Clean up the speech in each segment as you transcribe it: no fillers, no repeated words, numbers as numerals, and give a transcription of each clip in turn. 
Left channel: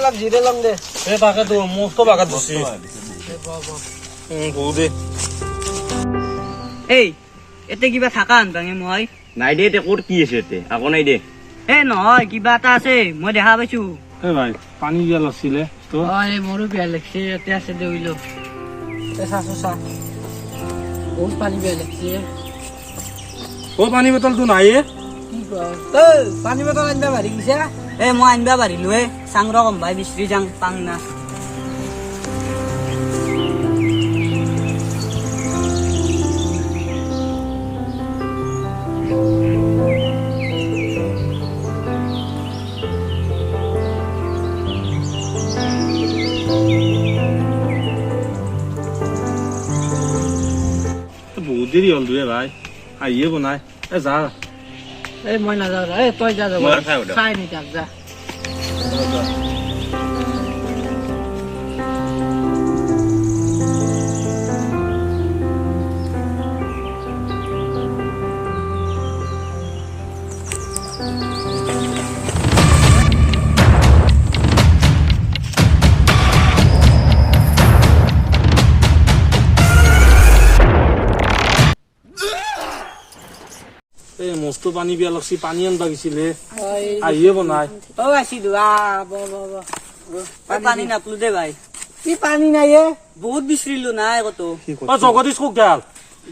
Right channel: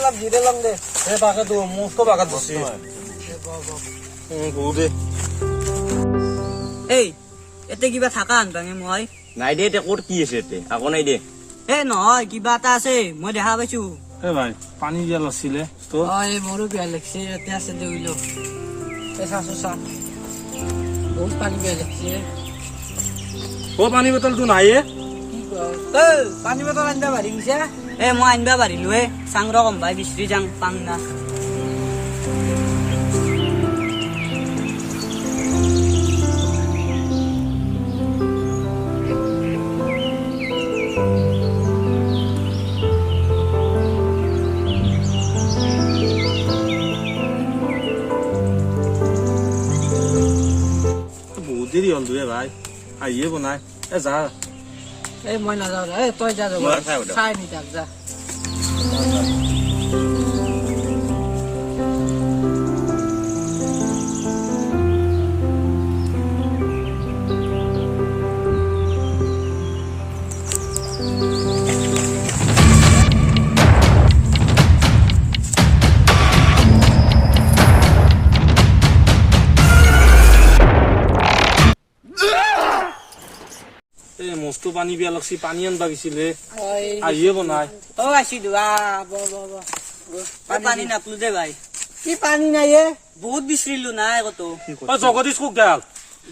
অলপ জিৰে লম দে এই বাগাটো মস্ত বাগাত দিছি বহু দে এই এতে কিবা থাকা আনবাঙে মই নাই দে ক'ত কি আছে এতে আকৌ নাই দে এ নহয় কিবা এটা আছে মই দেখা পাইছো এই ভাই পানী গেল আছিলে তো এই মোৰো বেয়া লাগছে এতে আছে দে উইলো চা বহুত পানী বেয়া লাগছে ও পানী বটলটো নাই পানী বটল আনবা পাৰি দিছে এ মই আনবা পাৰিলো চাংৰ কমবাই বিচৰি যাং পাং না বহুত দেৰি হ'ল দুয়ে ভাই আহিয়ে বনাই এ যা এই মই নাযাওঁ তই যা যাব খাই নি তাক যা এই মস্ত পানী বিয়া লাগছি পানী আনবা গেছিলে আহিয়ে বনাই আছিলো পানী নাপলো দে ভাই কি পানী নাই বহুত বিচাৰিলো নাই কত জগদীশ কোক গাল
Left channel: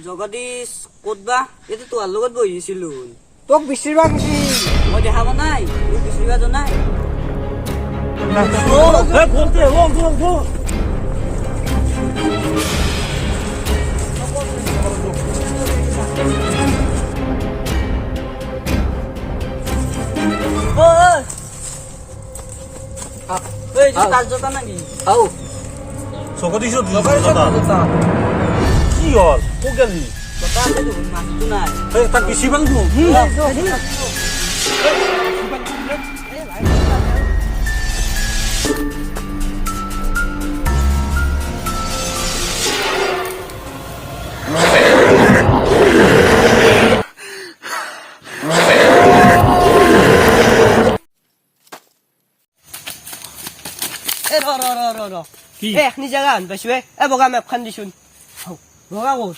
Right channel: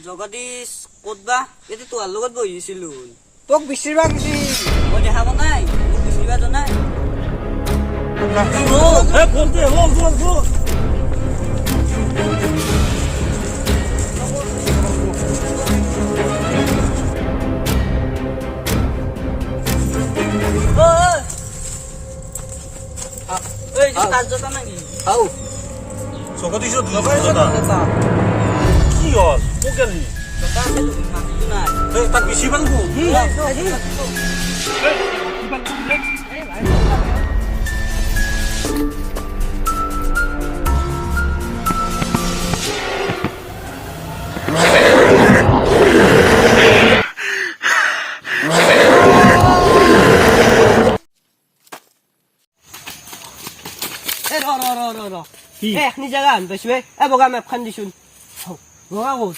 জগদীশ ক'ত বা এইটো তোহাৰ লগত বহিছিলো তোক বিচাৰিবা গৈছি মই দেখা পোৱা নাই তোক বিচাৰিবা জনাই তার জোতা নাকি আও চকত দিছ দুই জোতা কি হল ও গেলি জোতা আছে দেখোন মাছটো নাই এই তাক বেছি পালবো এ ৰ কি এ এখনি জাগা আন পাইছো এ বগা মেপখান দিছোন বগা ক'ত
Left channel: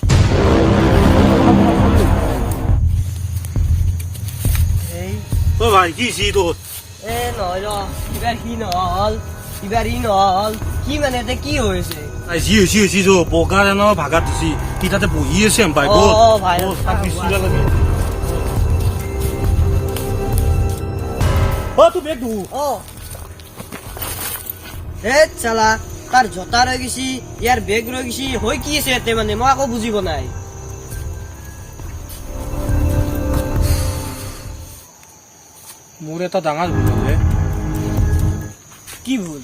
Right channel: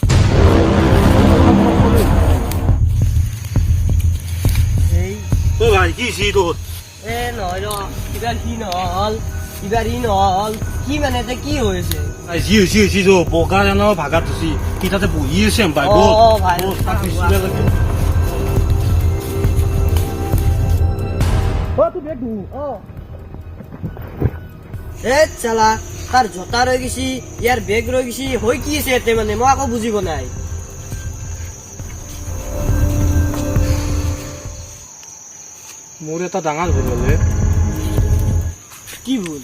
এই ও ভাই কি ছি তোর এ নহয় কিবা কি নহল কিবা ই নহল কি মানে এতিয়া কি হৈছে জি হৈছি তো বগা জানো ভাগাত দিছি কি তাতে বহি আছে ভাই অ, অ, ভাই। তাক বেছি লাগে ও তুই বেগ দু অ এ চালা তাৰ জোতা ৰৈ গৈছি ইয়াৰ বেগ ৰৈ গৈছি হৈ কি আছে ইয়াতে মানে মই আকৌ বুজিব নাই মোৰ এটা ডাঙৰ ভুল হলে কি ভুল